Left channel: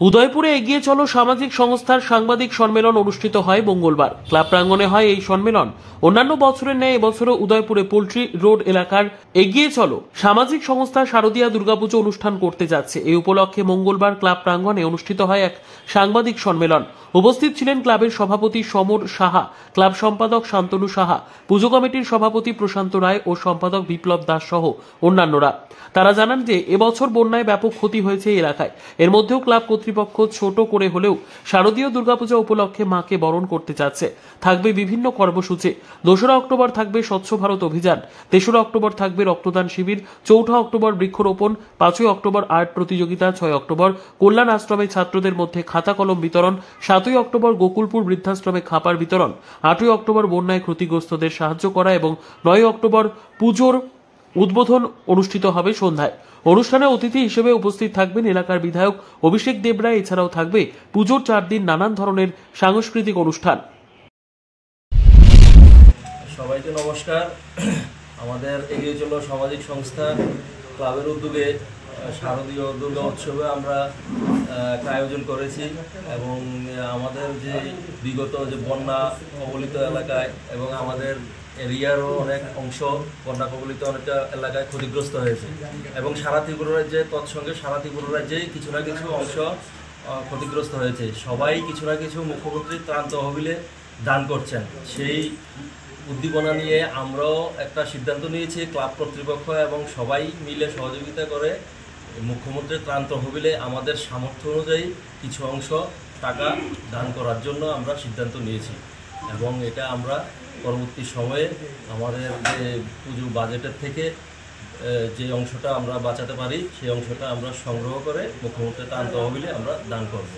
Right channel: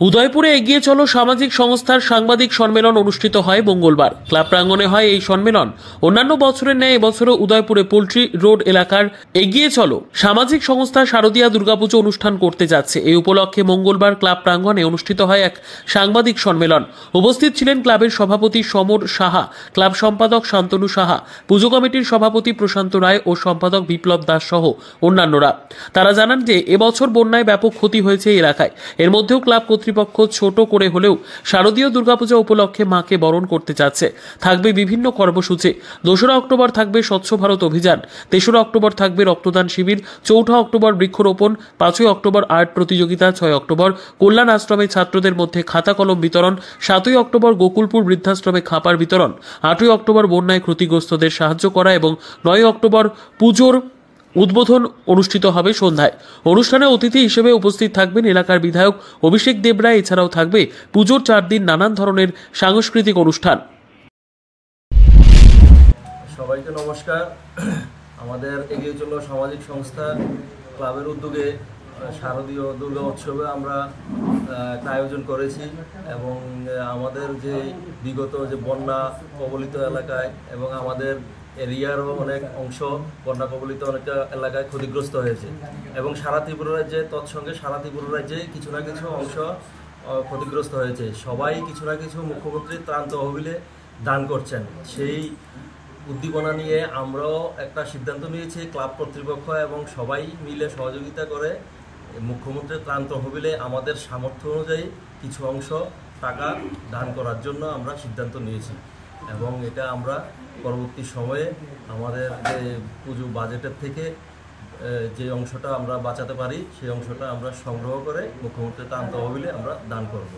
উদয়পুরে এগিয়ে চলো সামাজিক সংস্থার সাংবাদিক সম্মেলন অনুষ্ঠিত হয় মঙ্গলবার। ক্লাব প্রাঙ্গণে হয় এই সম্মেলন। অন্যান্য বছরের ন্যায় এবছরও উদয়পুরে পোল্ট্রি রোড এলাকার এগিয়ে চলো সামাজিক সংস্থা শারদীয়া দুর্গাপুজো অনুষ্ঠান করতে যাচ্ছে। এই উপলক্ষে মঙ্গলবার ক্লাব প্রাঙ্গণে অনুষ্ঠিত হয় এক সাংবাদিক সম্মেলন। উপস্থিত ছিলেন ক্লাবের সভাপতি সমর সাহা, ক্লাব সম্পাদক শান্তনু সাহা, পুজো কমিটির সভাপতি প্রশান্ত রায় ও সম্পাদক বিপ্লব দাস সহ অন্যান্যরা। তারা জানান যে এবছর বন্যায় ব্যাপক ক্ষতি হয়েছে এই এলাকায়। এর মধ্যেও ক্লাব কর্তৃপক্ষ ছোট করে হলেও শারদীয় দুর্গাপূজা উপলক্ষে মাকে বরণ করতে যাচ্ছে। থাকবে বিভিন্ন কর্মসূচি। 2রা অক্টোবর থাকবে স্বচ্ছ ভারত অভিযান, 3রা অক্টোবর থাকবে রক্তদান শিবির, 4ঠা অক্টোবর বৃক্ষরোপণ, 5ই অক্টোবর আর্ট প্রতিযোগিতা, 6 অক্টোবর কল্যাণ আশ্রমে ছাত্রদের মধ্যে খাতা কলম বিতরণ, 7ই অক্টোবর গোকুলপুর বৃদ্ধাশ্রমে খাবার বিতরণ, 8ই অক্টোবর বন্যায় ক্ষতিগ্রস্তদের সাহায্য করা এবং 9ই অক্টোবর পুজোর উদ্বোধন অনুষ্ঠিত হবে সন্ধ্যায়। অনুষ্ঠানে অতিথি হিসেবে উপস্থিত থাকবেন এলাকার বিধায়ক অভিষেক দেবরায়। এছাড়াও থাকবে পুজোর 4 দিন নানান ধরনের সাংস্কৃতিক অনুষ্ঠান। সবাইকে নমস্কার। আমাদের এগিয়ে চলো সামাজিক সংস্থা ক্লাবের উদ্যোগে শারদীয় দুর্গা উৎসবে আমরা একটা আয়োজন করেছি এবং আমাদের যে বিগত যে বন্যা কবলিত এলাকায় এবং আমাদের এরিয়ারও অনেক অংশ বন্যা কবলিত অনেক এলাকায় ক্ষতিগ্রস্ত হয়েছে এবং সারা ত্রিপুরা রাজ্যে তৎসঙ্গে সারা ত্রিপুরা রাজ্যে কিছু না কিছু অংশ ক্ষতিগ্রস্ত হয়েছে। সবাই কিছু না কিছু মুখ্যমন্ত্রীর ত্রাণ তহবিলে দান করছেন। সেই উদ্দীপনা নিয়ে আমরাও একটা সিদ্ধান্ত নিয়েছি, ক্লাব কর্তৃপক্ষ এবং সবাই মিলে সহযোগিতা করে মুখ্যমন্ত্রীর ত্রাণ তহবিলে আমাদের সামর্থ্য অনুযায়ী কিছু অংশ টাকা দান করার জন্য আমরা সিদ্ধান্ত নিয়েছি এবং এটা আমরা পরবর্তী সময়ে আমাদের যে পুজো বাজেটের থেকে যে অংশটা আমরা বাঁচাতে পারি সেই অংশটা আমরা সংগ্রহ করে মুখ্যমন্ত্রীর ত্রাণ তহবিলে আমরা দান করব।